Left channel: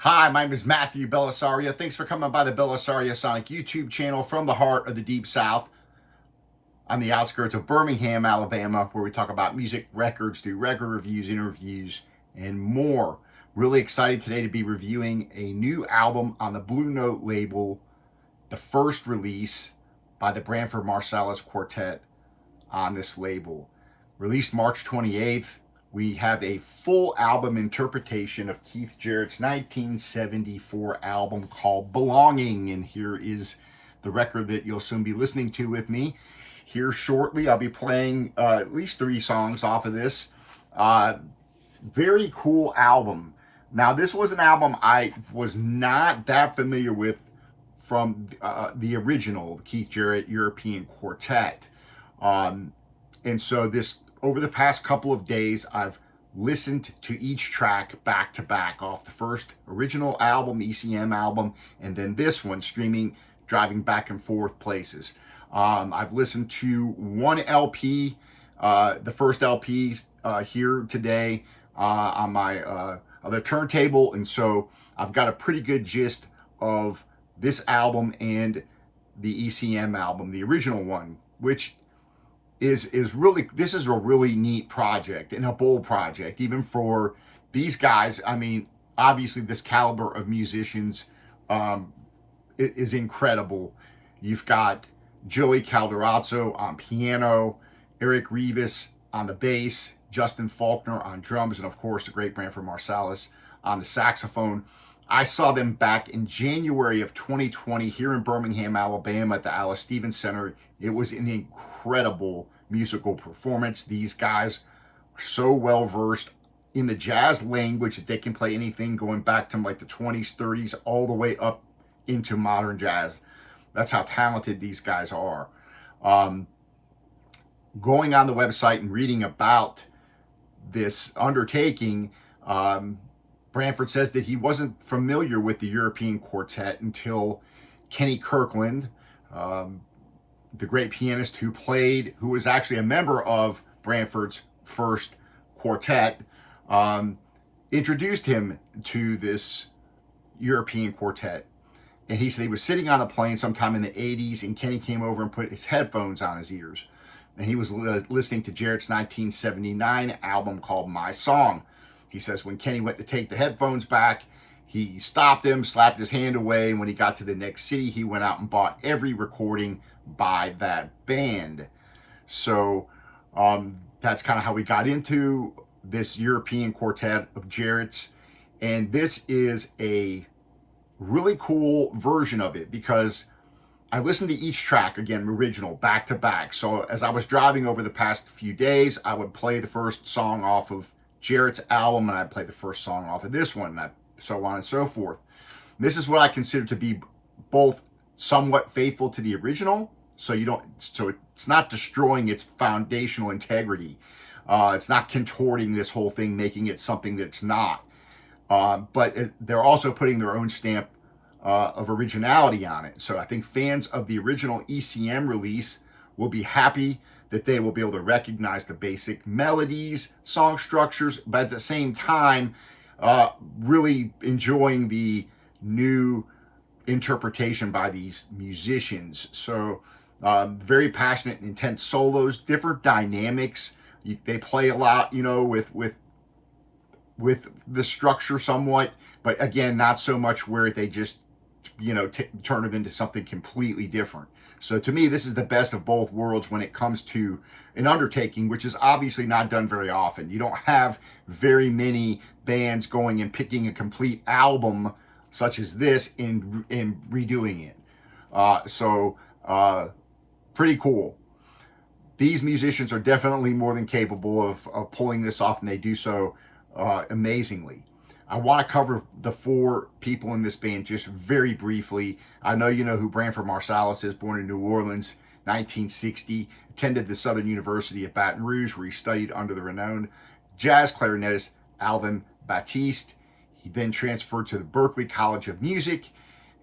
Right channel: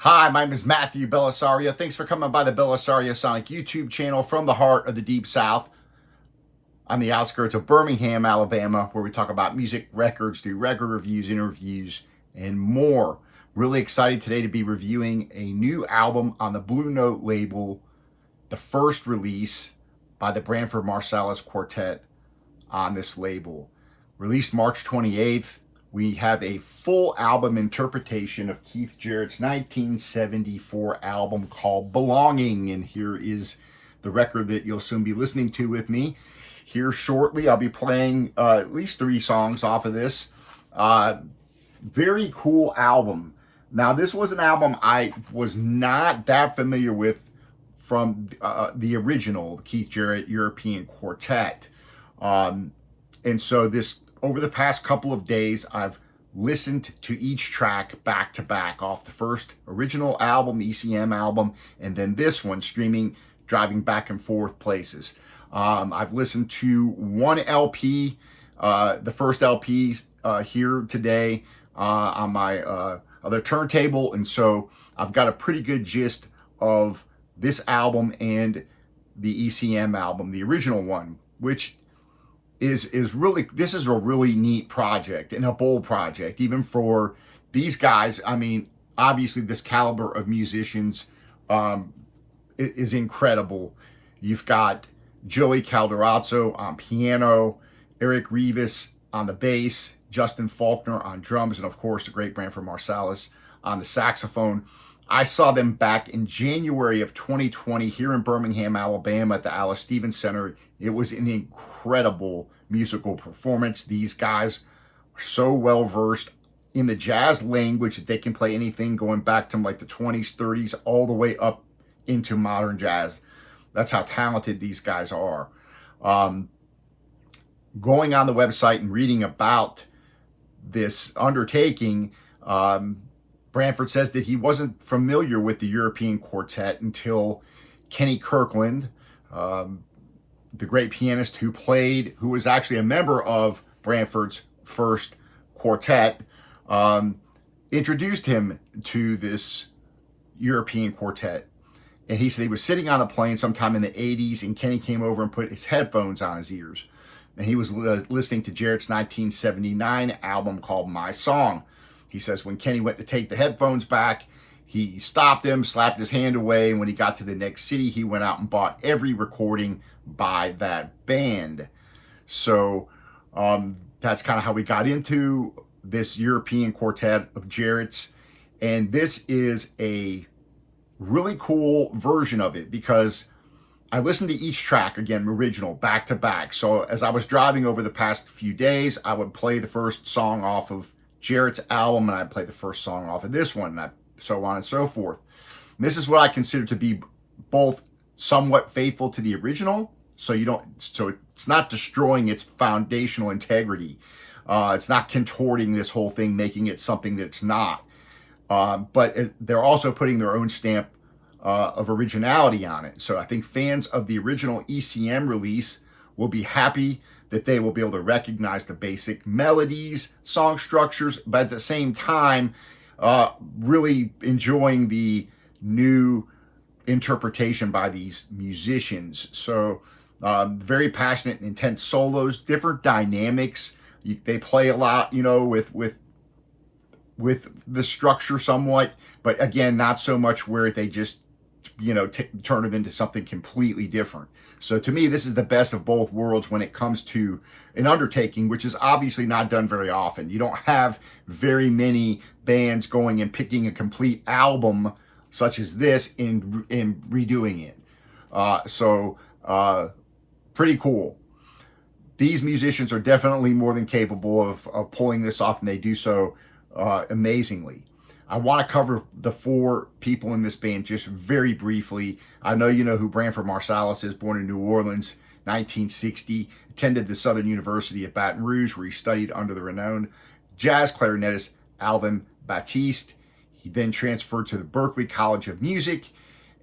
Hi, my name is Matthew Bellisario. Thanks for coming by the BellisarioSonic YouTube channel from the heart of the Deep South on the outskirts of Birmingham, Alabama, where we talk about music, records, do record reviews, interviews, and more. Really excited today to be reviewing a new album on the Bluenote label, the first release by the Branford Marsalis Quartet on this label. Released March 28th, we have a full album interpretation of Keith Jarrett's 1974 album called Belonging. And here is the record that you'll soon be listening to with me. Here shortly, I'll be playing at least 3 songs off of this. Very cool album. Now, this was an album I was not that familiar with from the original Keith Jarrett European Quartet. And so this, over the past couple of days, I've listened to each track back to back off the first original album, ECM album, and then this one, streaming, driving back and forth places. I've listened to one LP, the first LP here today on my other turntable, and so I've got a pretty good gist of this album and the ECM album, the original one, which is really, this is a really neat project and a bold project, even for these guys. I mean, obviously this caliber of musicians is incredible. You've got Joey Calderazzo on piano, Eric Revis on the bass, Justin Faulkner on drums, and of course the great Branford Marsalis on the saxophone. I saw them back in January of 2020 here in Birmingham, Alabama at the Alice Stevens Center. It was an incredible musical performance. These guys are so well versed in the jazz language that they can play anything going back to like the 20s, 30s, all the way up into modern jazz. That's how talented these guys are. Going on the website and reading about this undertaking, Branford says that he wasn't familiar with the European Quartet until Kenny Kirkland, the great pianist who was actually a member of Branford's first quartet, introduced him to this European Quartet. And he said he was sitting on a plane sometime in the 80s, and Kenny came over and put his headphones on his ears. And he was listening to Jarrett's 1979 album called My Song. He says when Kenny went to take the headphones back, he stopped him, slapped his hand away, and when he got to the next city, he went out and bought every recording by that band. So that's kind of how we got into this European Quartet of Jarrett's. And this is a really cool version of it because I listened to each track, again, original, back to back. So as I was driving over the past few days, I would play the first song off of Jarrett's album, and I'd play the first song off of this one, and so on and so forth. This is what I consider to be both somewhat faithful to the original, so it's not destroying its foundational integrity. It's not contorting this whole thing, making it something that it's not. But they're also putting their own stamp of originality on it. So I think fans of the original ECM release will be happy that they will be able to recognize the basic melodies, song structures, but at the same time, really enjoying the new interpretation by these musicians. So very passionate and intense solos, different dynamics. They play a lot, with the structure somewhat, but again, not so much where they just, turn it into something completely different. So to me, this is the best of both worlds when it comes to an undertaking, which is obviously not done very often. You don't have very many bands going and picking a complete album such as this and redoing it. Pretty cool. These musicians are definitely more than capable of pulling this off, and they do so amazingly. I want to cover the 4 people in this band just very briefly. I know you know who Branford Marsalis is, born in New Orleans, 1960, attended the Southern University of Baton Rouge, where he studied under the renowned jazz clarinetist Alvin Batiste. He then transferred to the Berklee College of Music,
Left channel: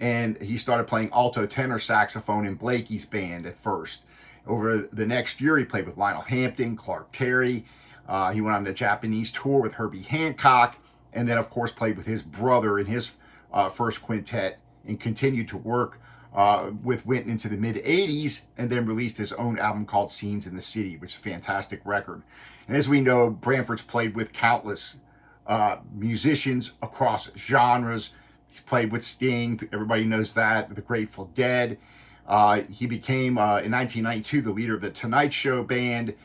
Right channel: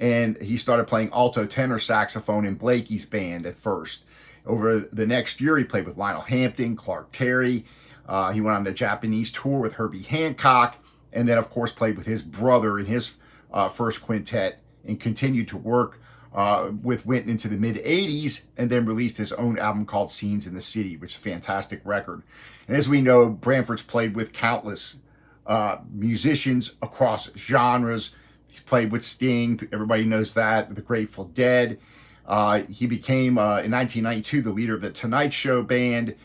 and he started playing alto tenor saxophone in Blakey's band at first. Over the next year, he played with Lionel Hampton, Clark Terry. He went on the Japanese tour with Herbie Hancock, and then, of course, played with his brother in his first quintet and continued to work with Winton into the mid-'80s, and then released his own album called Scenes in the City, which is a fantastic record. And as we know, Branford's played with countless musicians across genres. He's played with Sting, everybody knows that, the Grateful Dead. He became, in 1992, the leader of the Tonight Show band.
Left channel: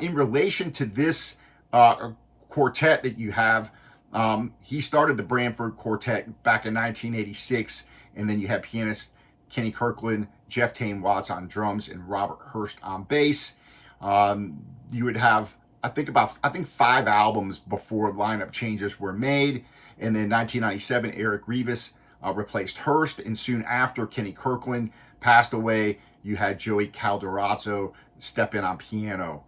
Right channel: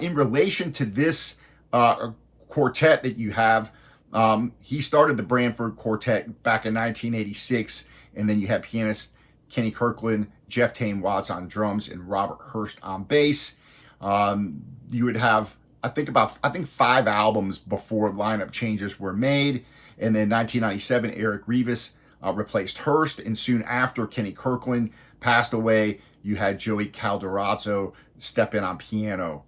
In relation to this quartet that you have, he started the Branford Quartet back in 1986, and then you had pianist Kenny Kirkland, Jeff Tane Watts on drums, and Robert Hurst on bass. You would have, I think 5 albums before lineup changes were made. And then 1997, Eric Revis replaced Hurst, and soon after Kenny Kirkland passed away, you had Joey Calderazzo step in on piano.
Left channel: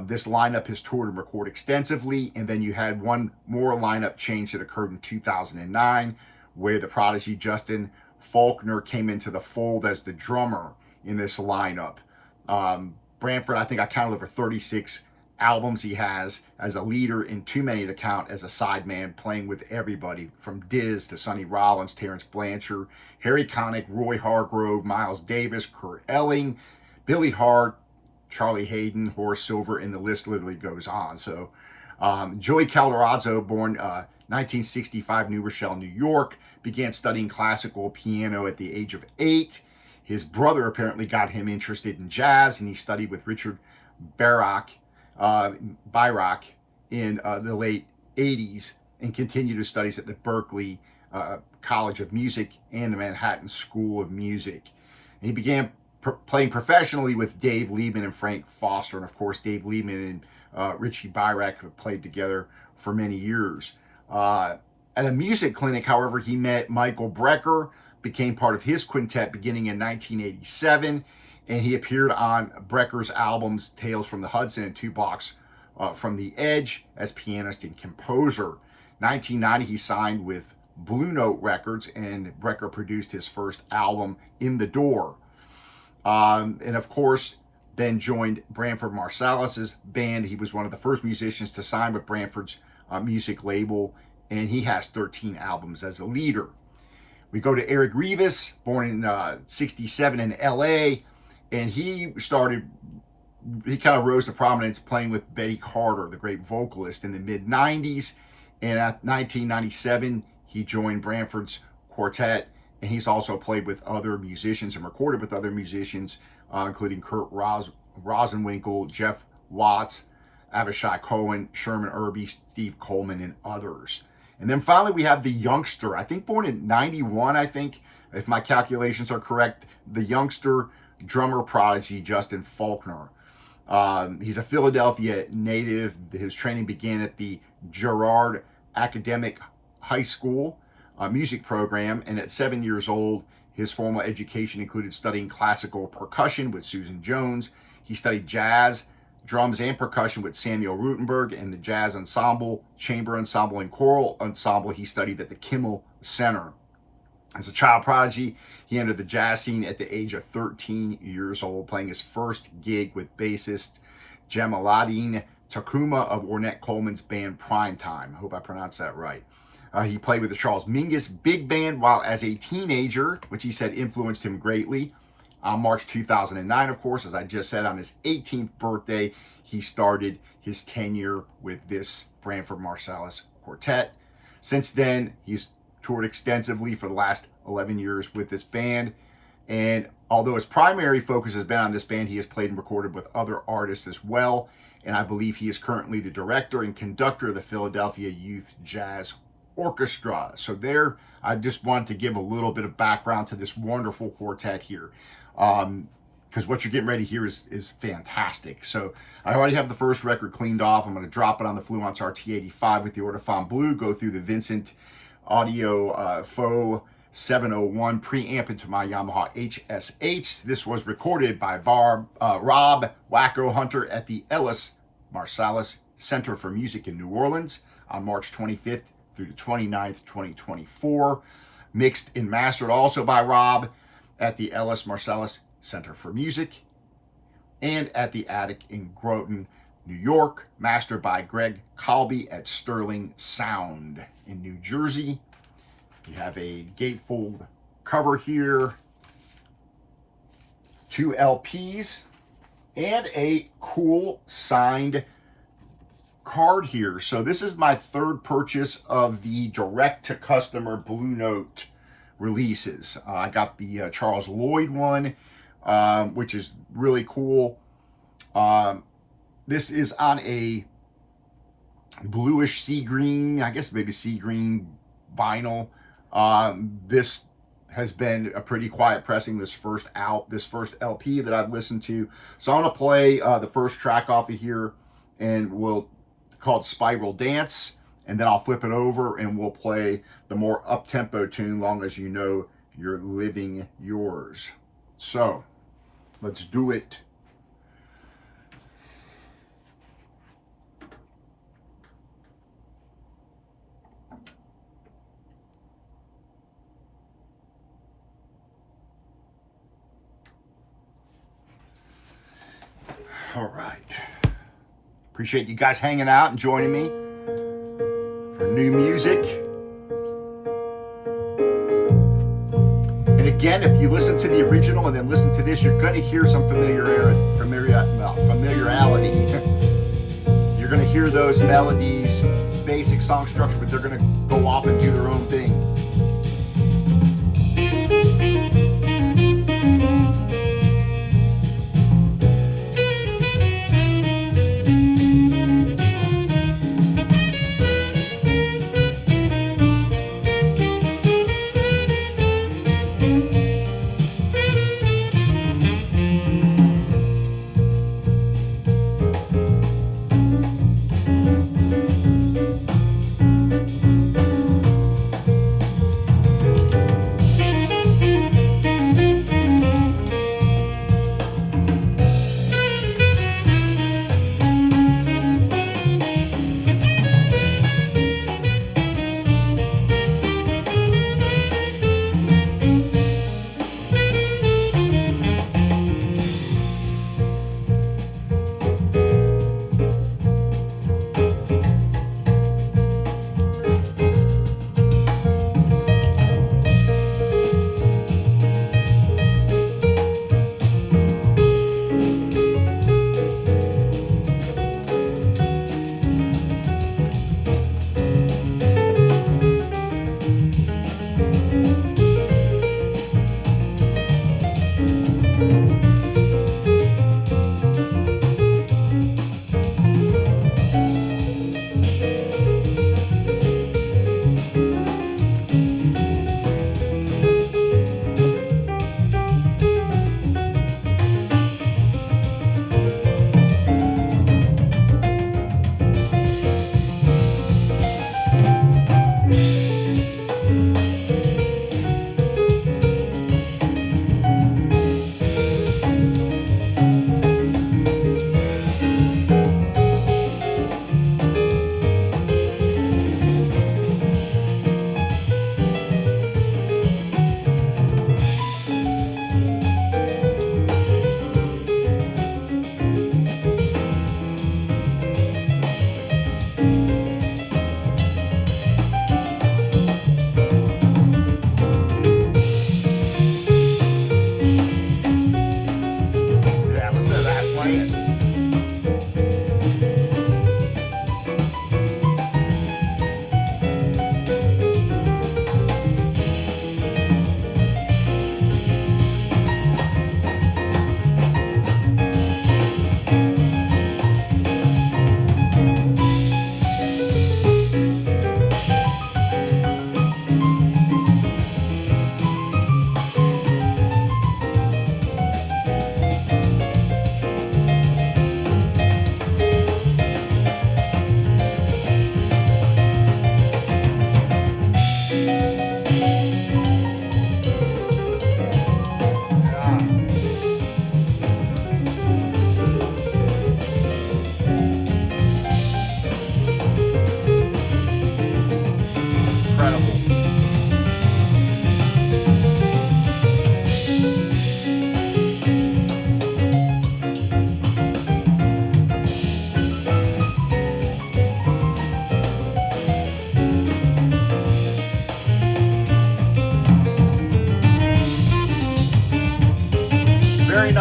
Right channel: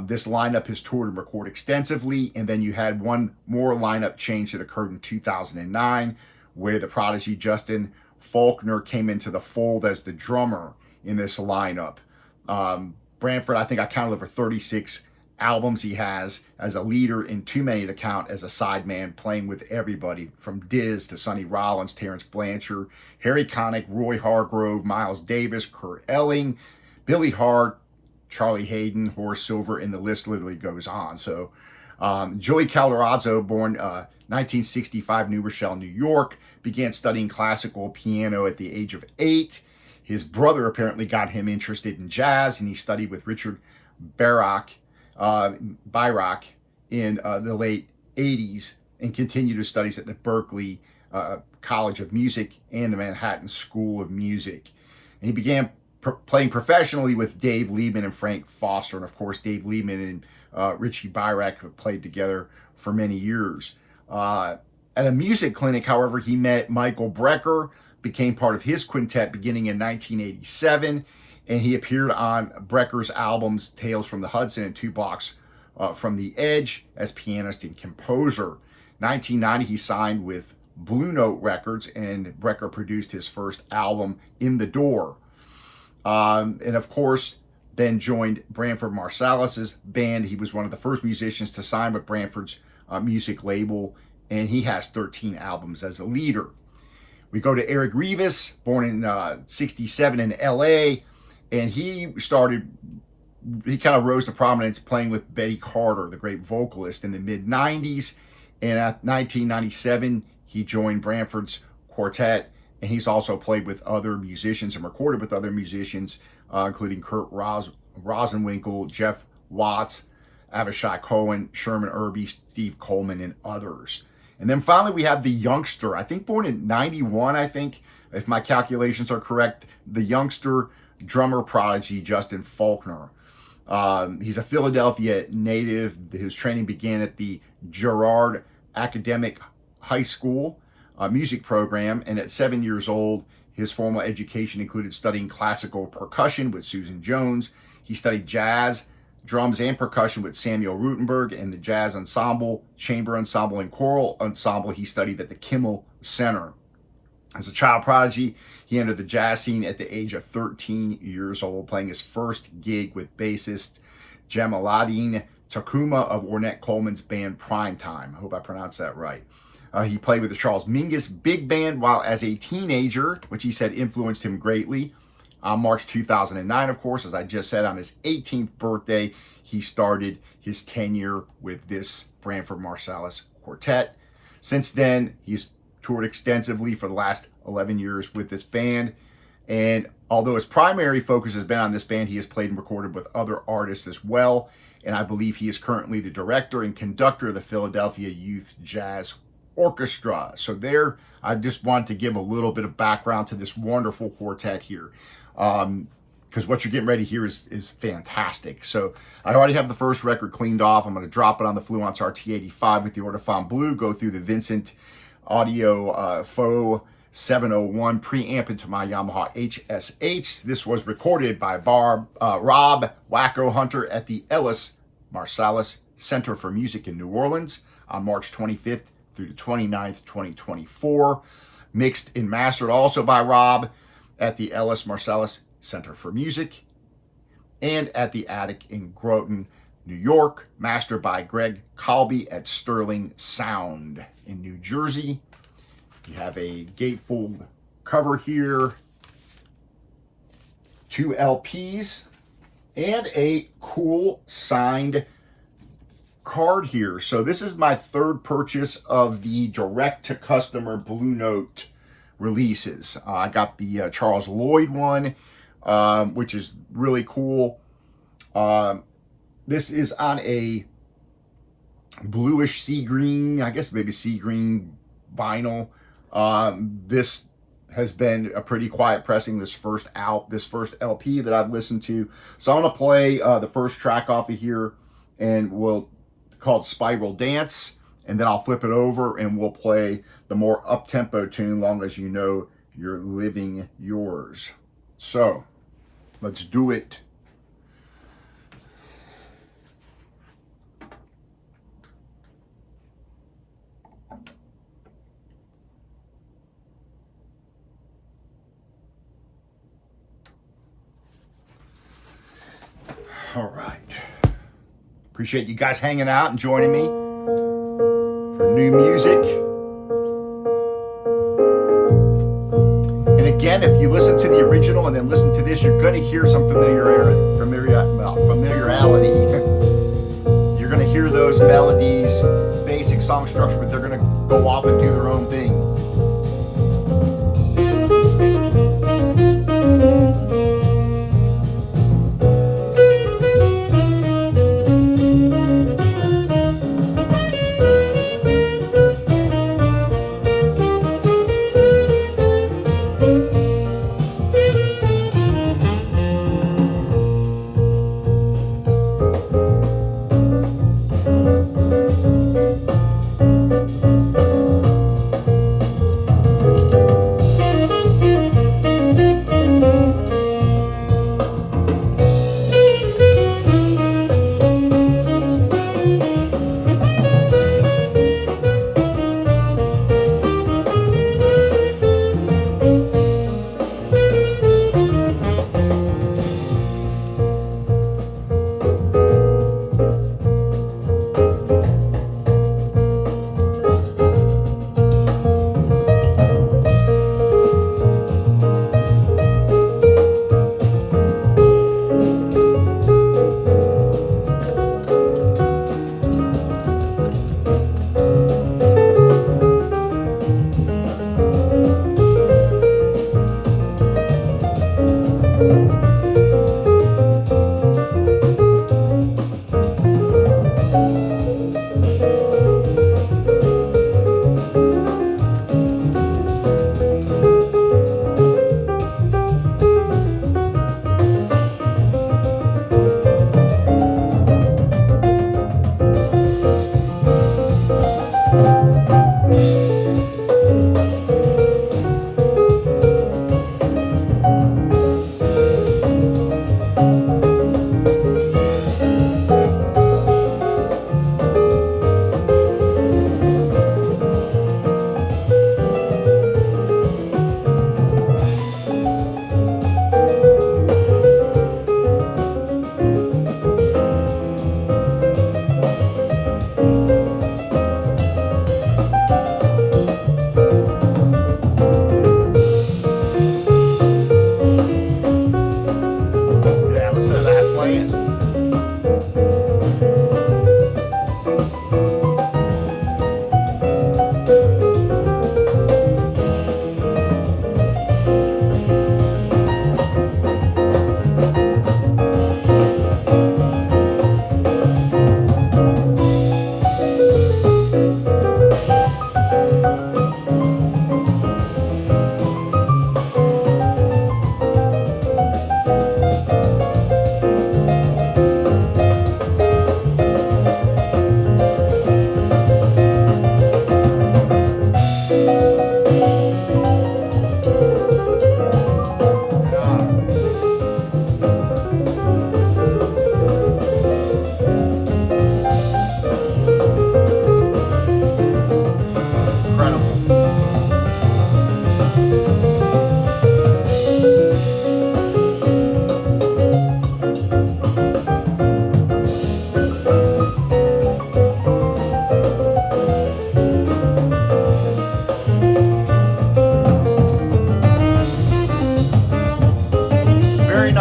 This lineup has toured and recorded extensively, and then you had one more lineup change that occurred in 2009, where the prodigy Justin Faulkner came into the fold as the drummer in this lineup. Branford, I think I counted over 36 albums he has as a leader, and too many to count as a sideman, playing with everybody from Diz to Sonny Rollins, Terrence Blanchard, Harry Connick, Roy Hargrove, Miles Davis, Kurt Elling, Billy Hart, Charlie Hayden, Horace Silver, and the list literally goes on. So Joey Calderazzo, born 1965, New Rochelle, New York, began studying classical piano at the age of 8. His brother apparently got him interested in jazz, and he studied with Richard Bayrock in the late 80s, and continued his studies at the Berklee College of Music and the Manhattan School of Music. And he began playing professionally with Dave Liebman and Frank Foster, and of course Dave Liebman and Richie Bayrock have played together for many years. At a music clinic, however, he met Michael Brecker, became part of his quintet beginning in 1987, and he appeared on Brecker's albums Tales from the Hudson and Two Blocks from the Edge as pianist and composer. 1990, he signed with Blue Note Records, and Brecker produced his first album, In the Door. And of course, then joined Branford Marsalis' band. He was one of the first musicians to sign with Branford's music label, and he has 13 albums as a leader. We go to Eric Revis, born in 67 in LA, and he kind of rose to prominence playing with Betty Carter, the great vocalist, in the mid-'90s. And at 1997, he joined Branford's quartet, and he's also played with other musicians and recorded with other musicians, including Kurt Rosenwinkel, Jeff Watts, Avishai Cohen, Sherman Irby, Steve Coleman, and others. And then finally, we have the youngster, I think born in 91, I think, if my calculations are correct, the youngster drummer prodigy, Justin Faulkner. He's a Philadelphia native. His training began at the Girard Academic High School music program, and at 7 years old, his formal education included studying classical percussion with Susan Jones. He studied jazz, drums, and percussion with Samuel Rutenberg, and the jazz ensemble, chamber ensemble, and choral ensemble he studied at the Kimmel Center. As a child prodigy, he entered the jazz scene at the age of 13 years old, playing his first gig with bassist Jamaluddin Takuma of Ornette Coleman's band Primetime. I hope I pronounced that right. He played with the Charles Mingus Big Band while as a teenager, which he said influenced him greatly. On March 2009, of course, as I just said, on his 18th birthday, he started his tenure with this Branford Marsalis Quartet. Since then, he's toured extensively for the last 11 years with this band. And although his primary focus has been on this band, he has played and recorded with other artists as well. And I believe he is currently the director and conductor of the Philadelphia Youth Jazz Orchestra. So there, I just wanted to give a little bit of background to this wonderful quartet here. Because what you're getting ready here is fantastic. So I already have the first record cleaned off. I'm going to drop it on the Fluence RT85 with the Ortofon Blue, go through the Vincent Audio Faux 701 preamp into my Yamaha HSH. This was recorded by Rob Wacko Hunter at the Ellis Marsalis Center for Music in New Orleans on March 25th through the 29th, 2024. Mixed and mastered also by Rob at the Ellis Marsalis Center for Music and at the Attic in Groton, New York. Mastered by Greg Colby at Sterling Sound in New Jersey. You have a gatefold cover here, 2 LPs, and a cool signed card here. So this is my third purchase of the direct-to-customer Blue Note releases. I got the Charles Lloyd one, which is really cool. This is on a bluish sea green, I guess maybe sea green vinyl. This has been a pretty quiet pressing, this first LP that I've listened to. So I'm gonna play the first track off of here, and called Spiral Dance, and then I'll flip it over and we'll play the more up-tempo tune, Long As You Know You're Living Yours. So let's do it. All right. Appreciate you guys hanging out and joining me for new music. And again, if you listen to the original and then listen to this, you're going to hear some familiarity. You're going to hear those melodies, basic song structure, but they're going to go off and do their own thing.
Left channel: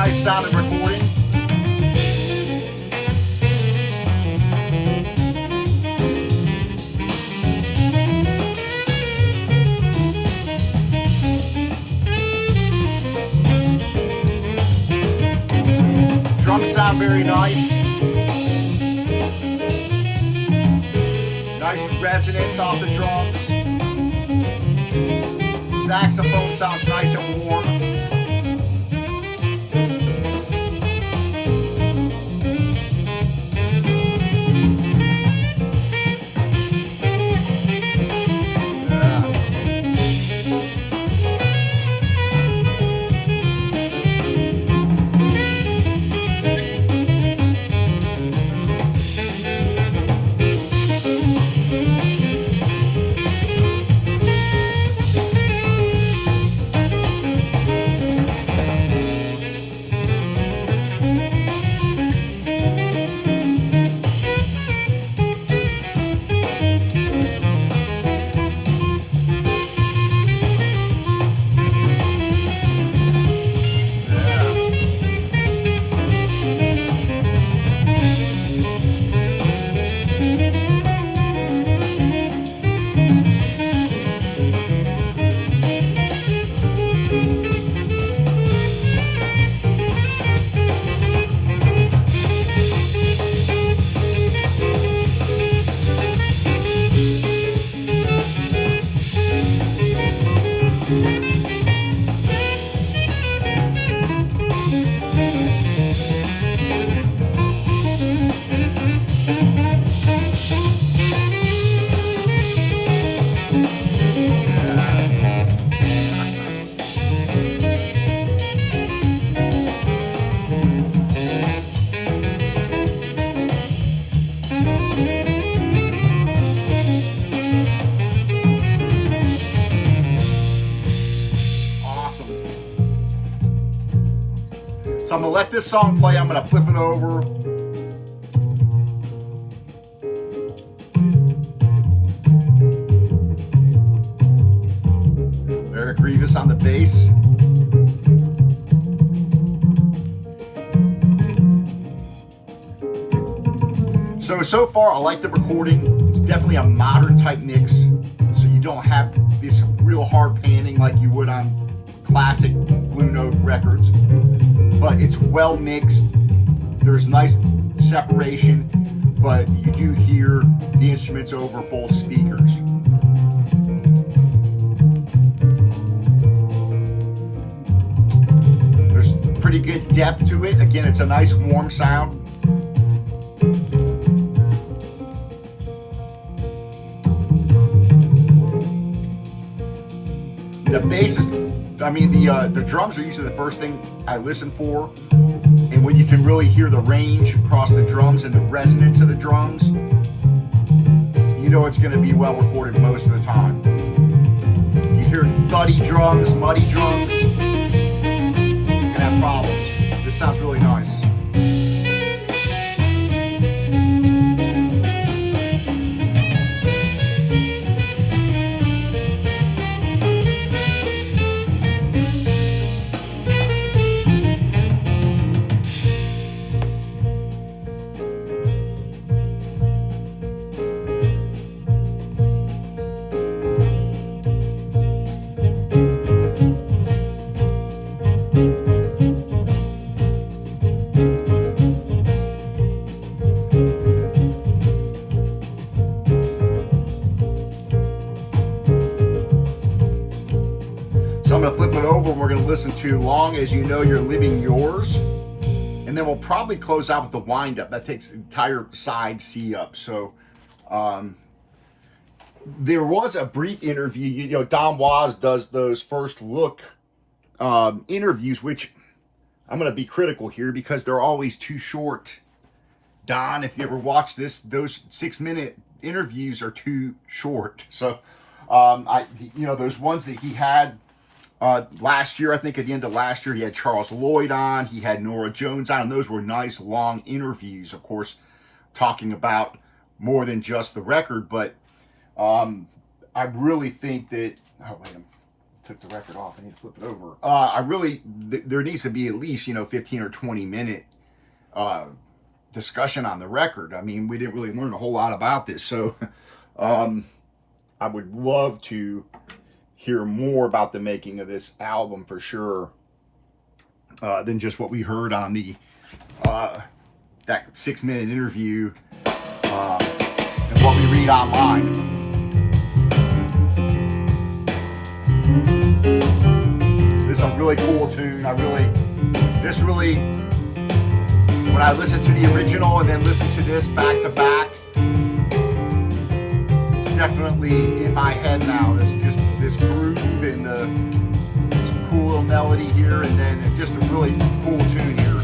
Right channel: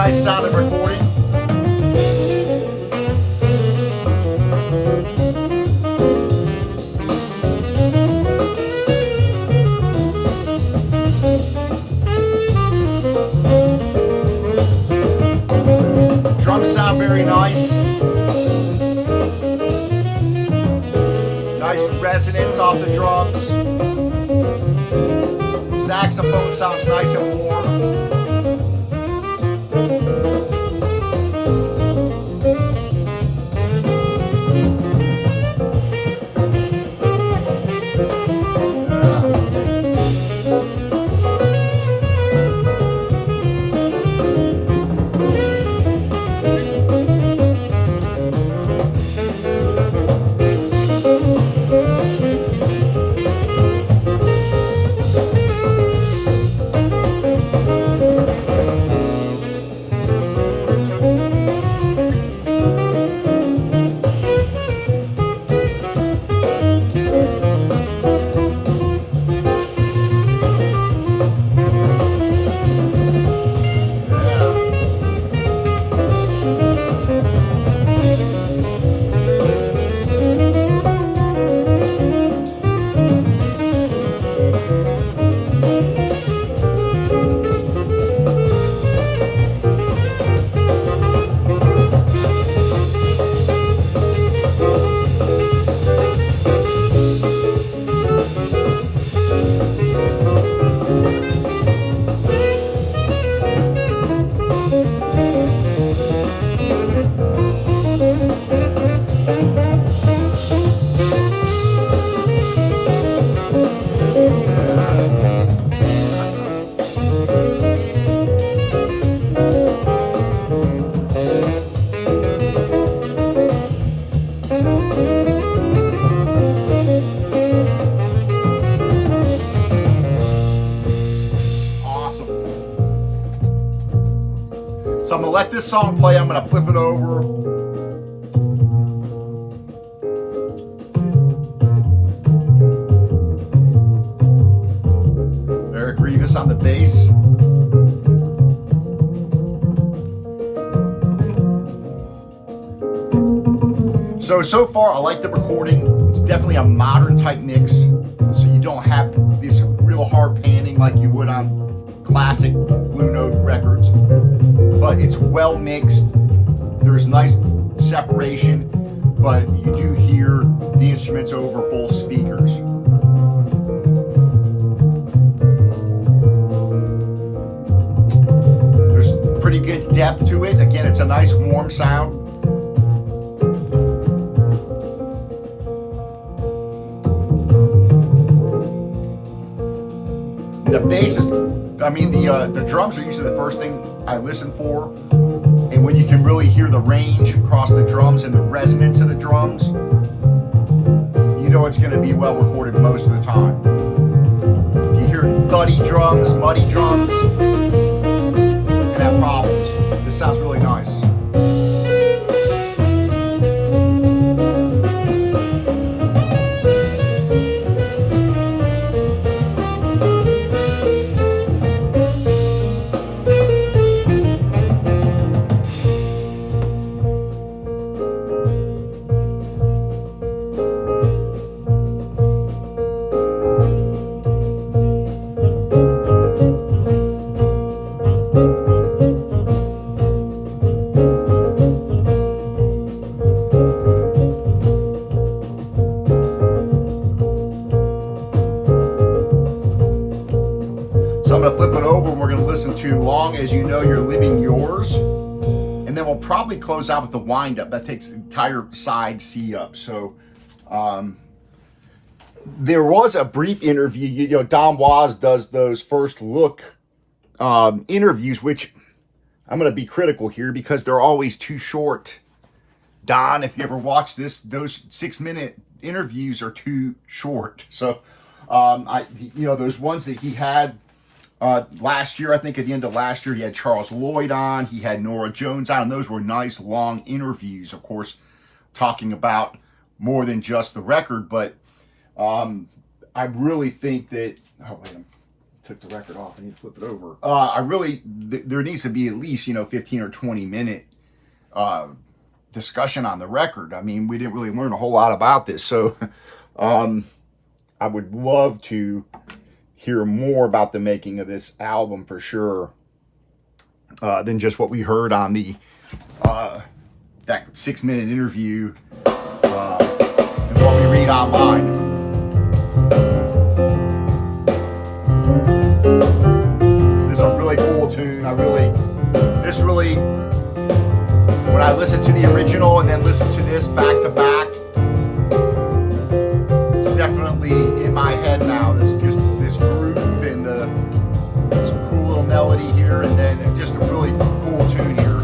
nice sounding recording. Drums sound very nice. Nice resonance off the drums. Saxophone sounds nice and warm. So I'm gonna let this song play. I'm gonna flip it over. Eric Revis on the bass. So far I like the recording. It's definitely a modern type mix. So you don't have this real hard panning like you would on classic Blue Note records, but it's well mixed. There's nice separation, but you do hear the instruments over both speakers. There's pretty good depth to it. Again, it's a nice warm sound. The bass is, the drums are usually the first thing I listen for, and when you can really hear the range across the drums and the resonance of the drums, you know it's going to be well recorded most of the time. If you hear thuddy drums, muddy drums, you're going to have problems. This sounds really nice. So I'm going to flip it over and we're going to listen to Long As You Know You're Living Yours. And then we'll probably close out with the wind up. That takes the entire side C up. So there was a brief interview. Don Was does those first look interviews, which I'm going to be critical here because they're always too short. Don, if you ever watch this, those 6-minute interviews are too short. So those ones that he had last year, I think at the end of last year, he had Charles Lloyd on, he had Nora Jones on, and those were nice long interviews, of course, talking about more than just the record. But I really think that, took the record off. I need to flip it over. I really, there needs to be at least, 15 or 20 minute discussion on the record. I mean, we didn't really learn a whole lot about this. So I would love to hear more about the making of this album for sure than just what we heard on the that 6-minute interview and what we read online. This is a really cool tune. This really, when I listen to the original and then listen to this back to back, it's definitely in my head now. There's just this groove and this cool little melody here, and then just a really cool tune here.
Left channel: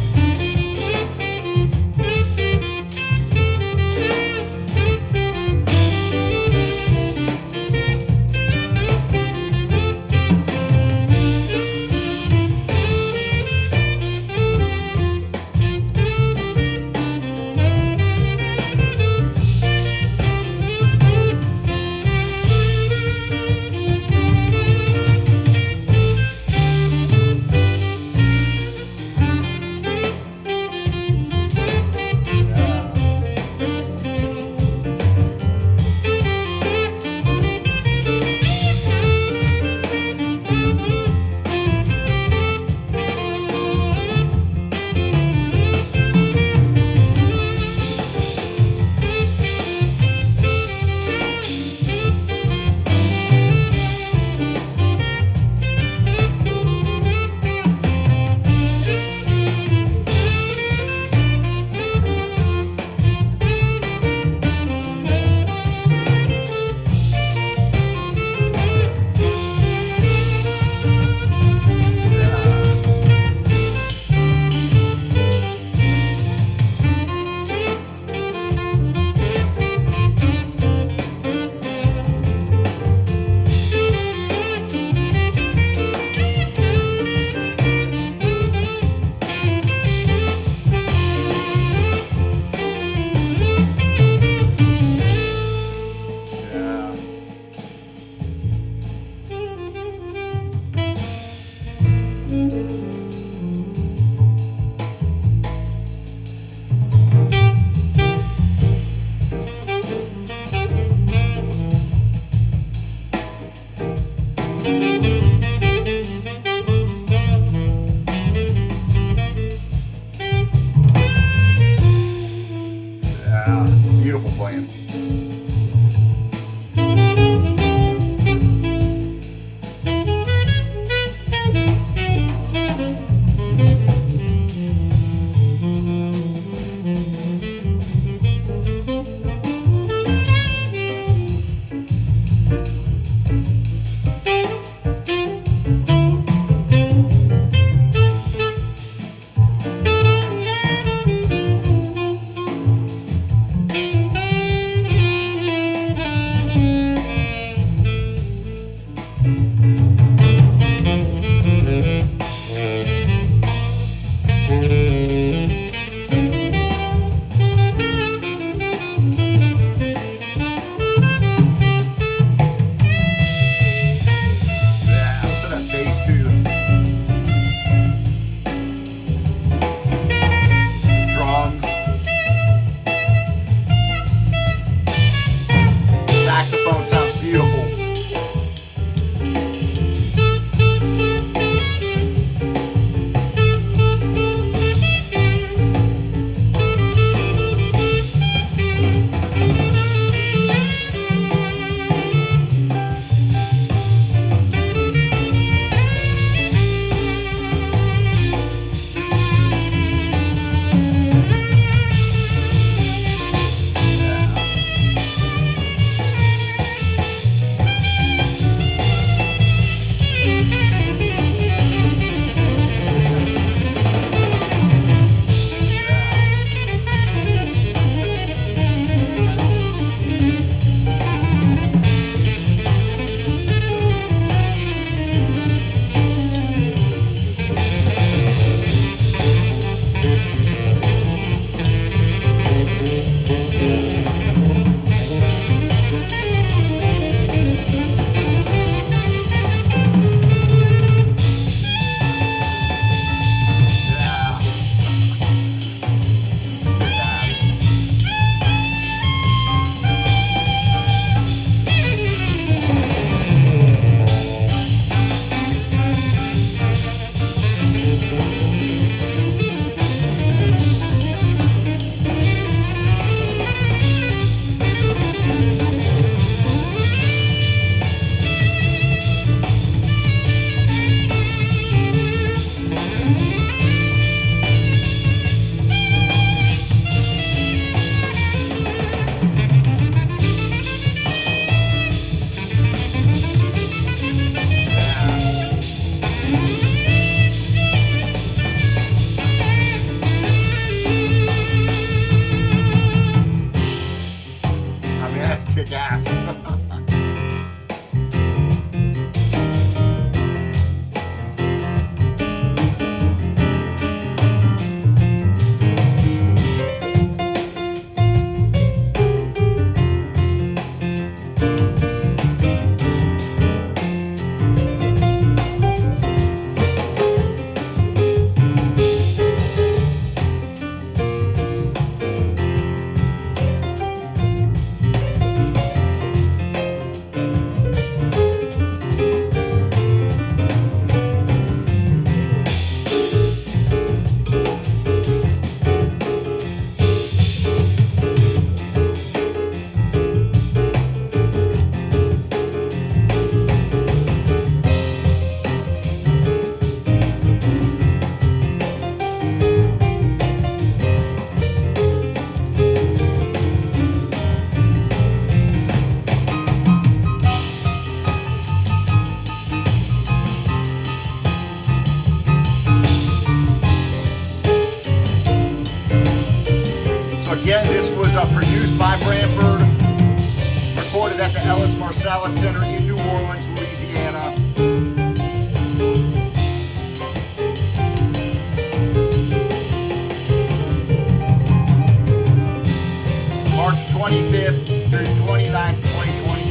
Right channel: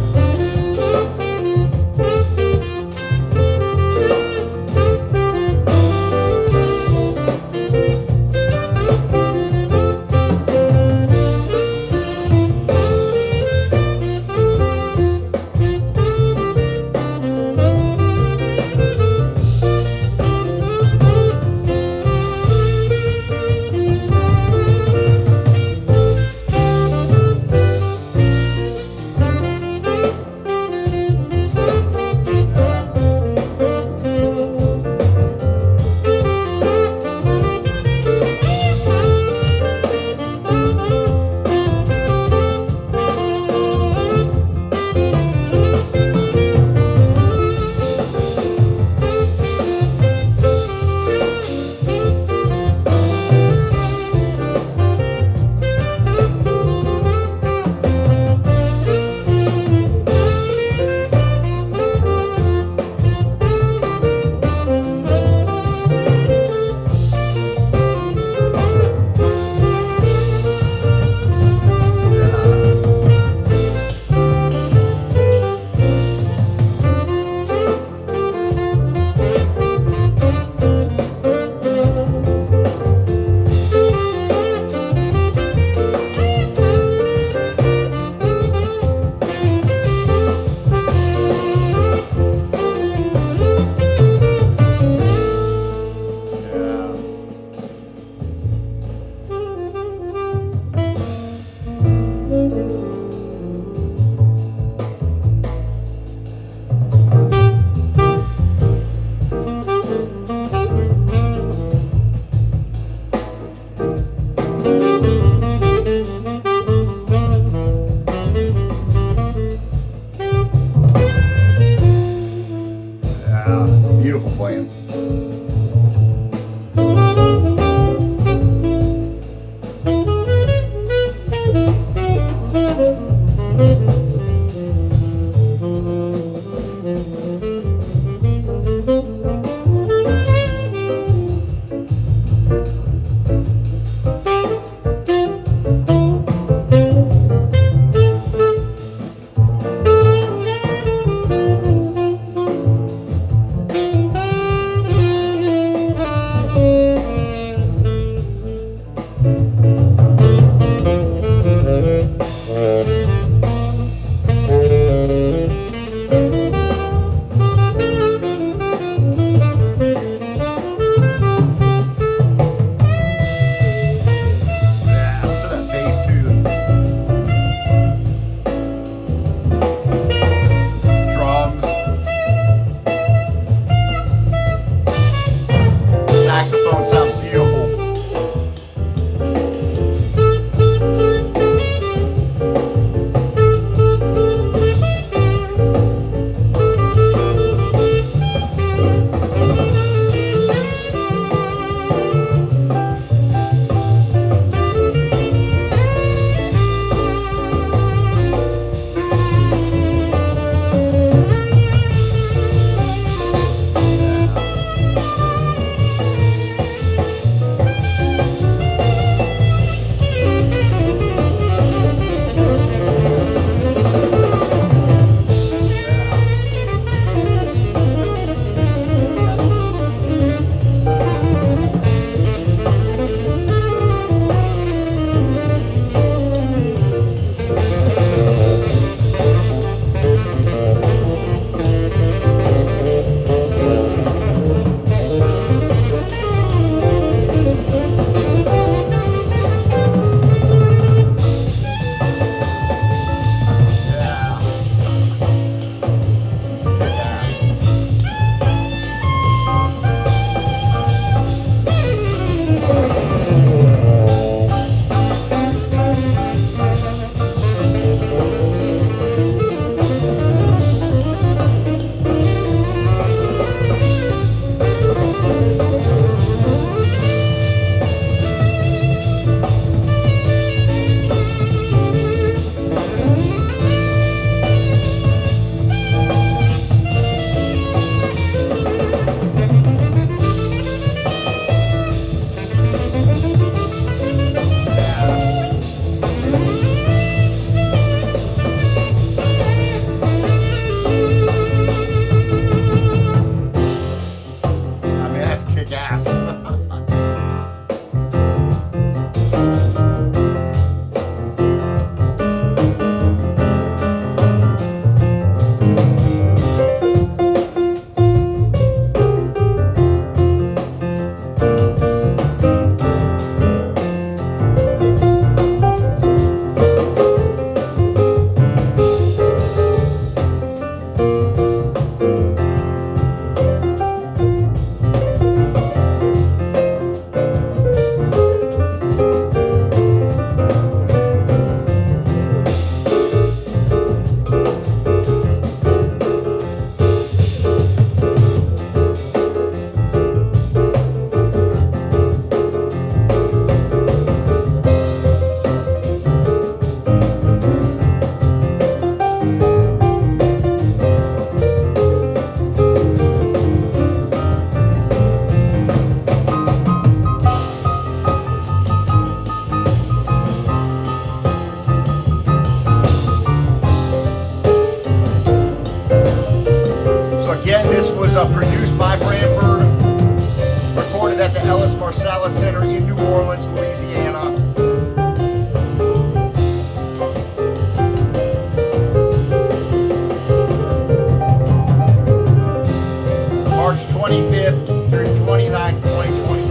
Beautiful playing. Saxophone sounds beautiful. was produced by Branford, recorded at the Marsalis Center in New Orleans, Louisiana. March 25th through 29th, 2024.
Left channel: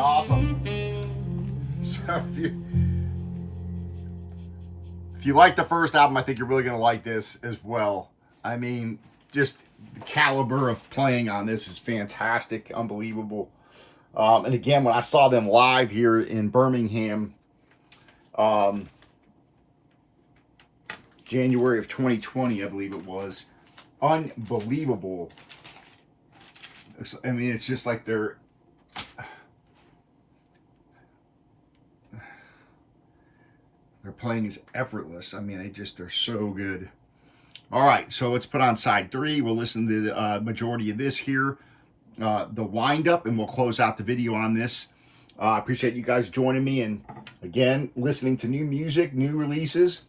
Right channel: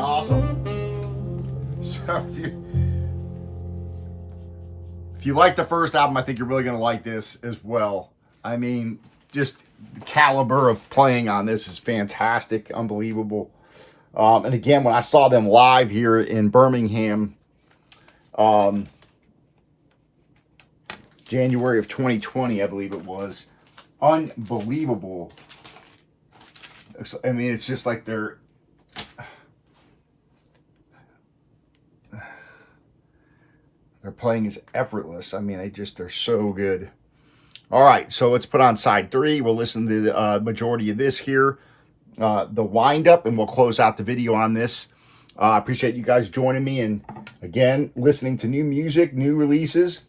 Awesome. So if you like the first album, I think you're really going to like this as well. I mean, just the caliber of playing on this is fantastic, unbelievable. And again, when I saw them live here in Birmingham, January of 2020, I believe it was, unbelievable. I mean, it's just like they're playing is effortless. I mean, they're so good. All right, so let's put on side 3. We'll listen to the majority of this here, the wind-up, and we'll close out the video on this. I appreciate you guys joining me, and again, listening to new music, new releases.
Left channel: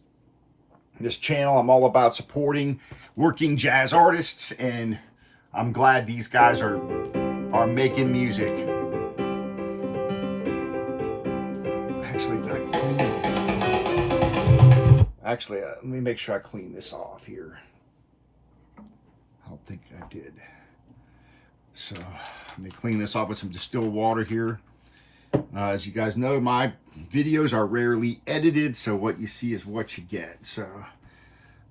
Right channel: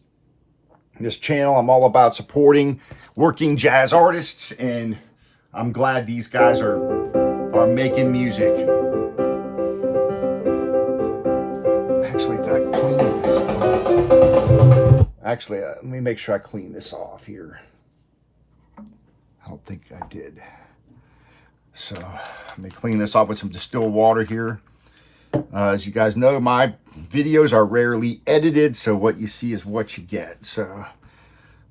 This channel, I'm all about supporting working jazz artists, and I'm glad these guys are making music. Actually, let me make sure I clean this off here. I don't think I did. So let me clean this off with some distilled water here. As you guys know, my videos are rarely edited, so what you see is what you get. So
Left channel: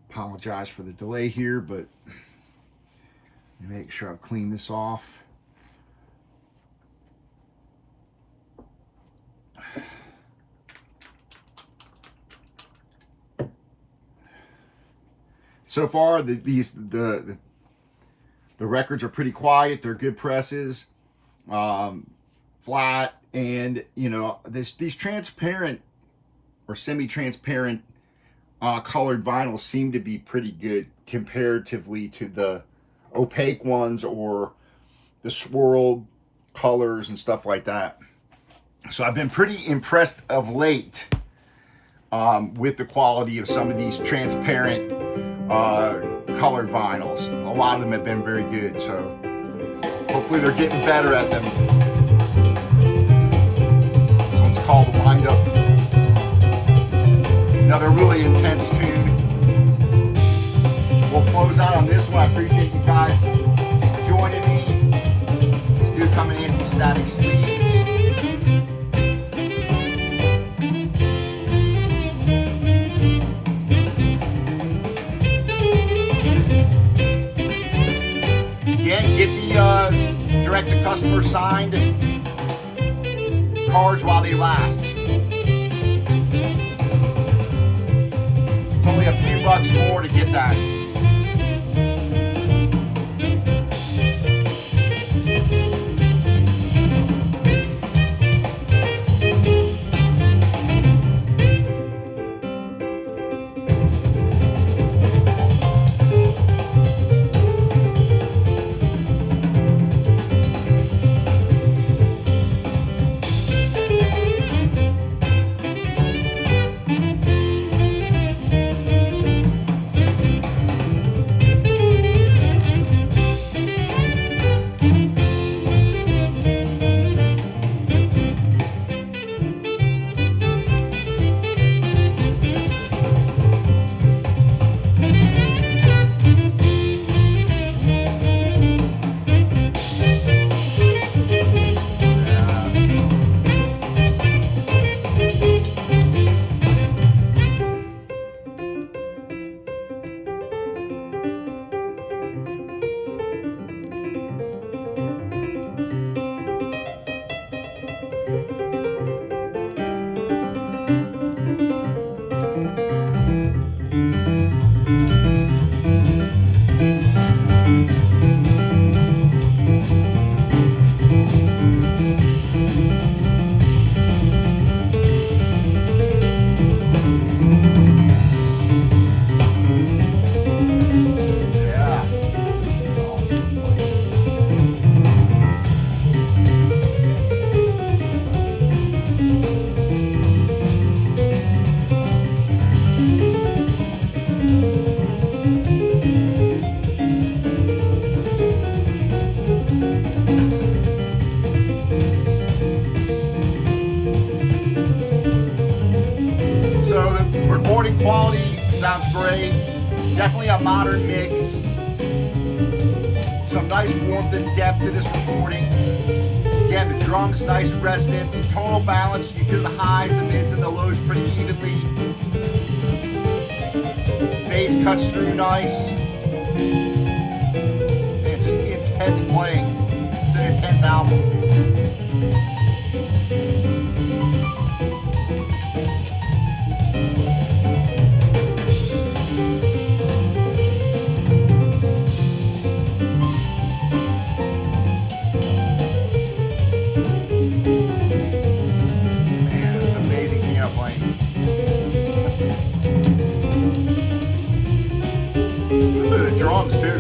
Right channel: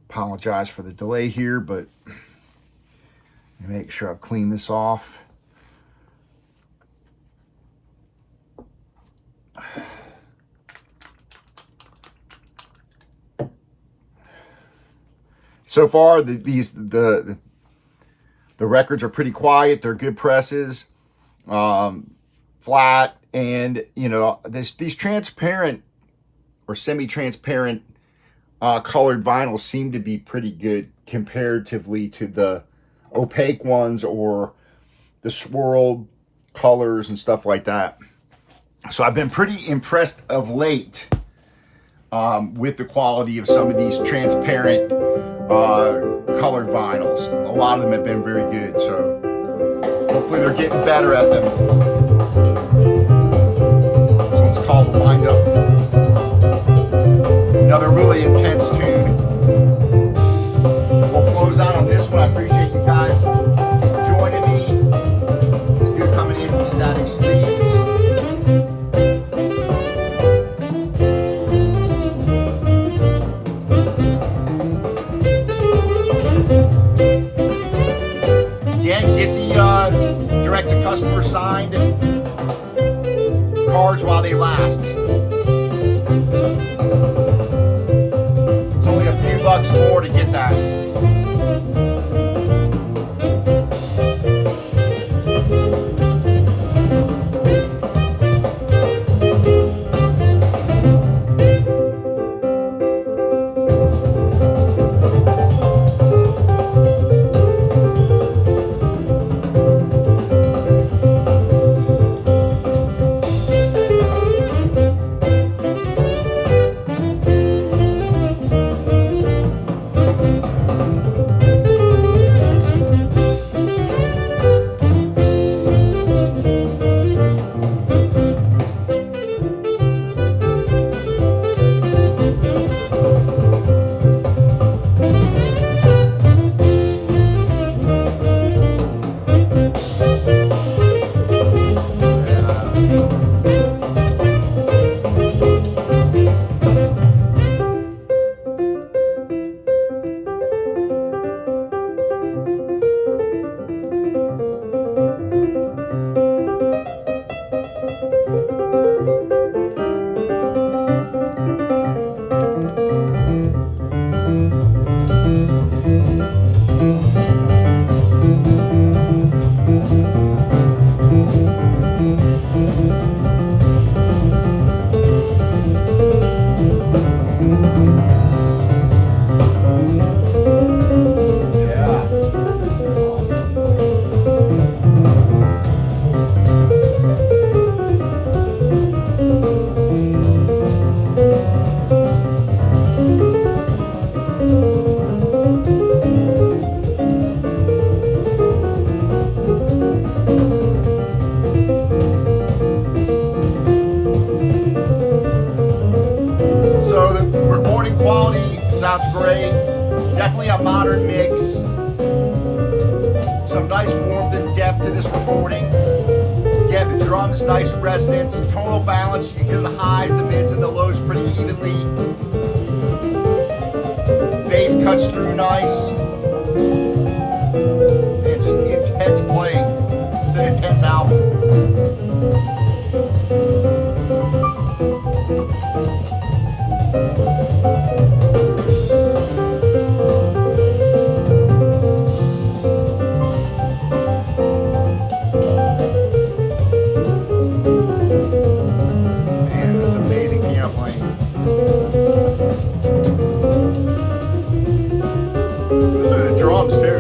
apologize for the delay here, but let me make sure I've cleaned this off. So far, the records are pretty quiet. They're good presses, flat, and you know these transparent or semi-transparent colored vinyls seem to be pretty good comparatively to the opaque ones or the swirled colors and stuff like that. So I've been pretty impressed of late with the quality of some of these transparent colored vinyls. A lot of them have been very good, so hopefully they're getting better at them. This one's called The Wind Up. Another really intense tune. We'll close out on this one. I appreciate you guys joining me. This dude coming in, Static Sleeves. Get the direct-to-customer signed cards while they last. It's only a few bucks more to get that. sounds great. Definitely a modern mix. Some nice warmth and depth to this recording. Yeah, the drums, nice resonance. Tonal balance, you hear the highs, the mids, and the lows pretty evenly. Bass cuts through nice. Man, just intense playing. It's an intense album. Drums too.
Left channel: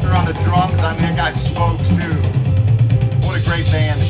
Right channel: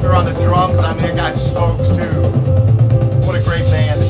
Faulkner on the drums. I mean, that guy smokes too. What a great band.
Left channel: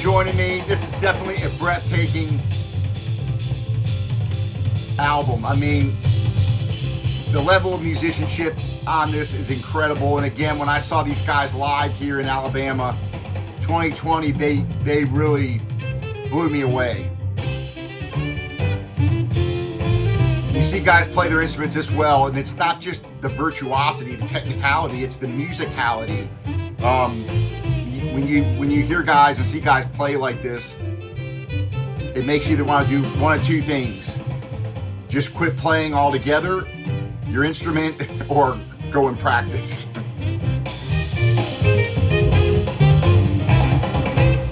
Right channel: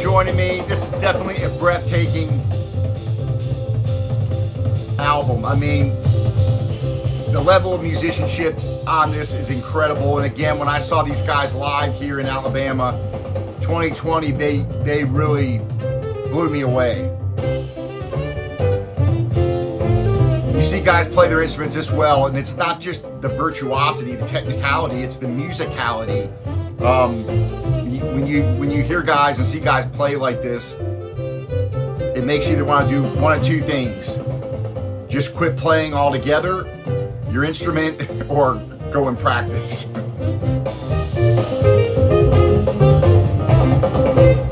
Joining me. This is definitely a breathtaking album. I mean, the level of musicianship on this is incredible. And again, when I saw these guys live here in Alabama 2020, they really blew me away. You see guys play their instruments this well, and it's not just the virtuosity, the technicality, it's the musicality. When you hear guys and see guys play like this, it makes you either want to do one of two things: just quit playing altogether, your instrument, or go and practice.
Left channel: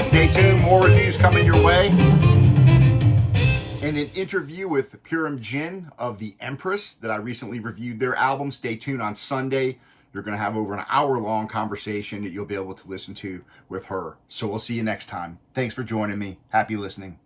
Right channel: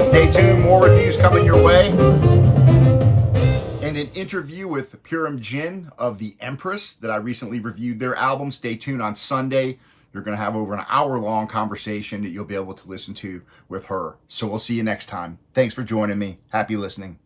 Stay tuned, more reviews coming your way. And an interview with Purim Jin of The Empress that I recently reviewed their album. Stay tuned on Sunday. You're going to have over an hour-long conversation that you'll be able to listen to with her. So we'll see you next time. Thanks for joining me. Happy listening.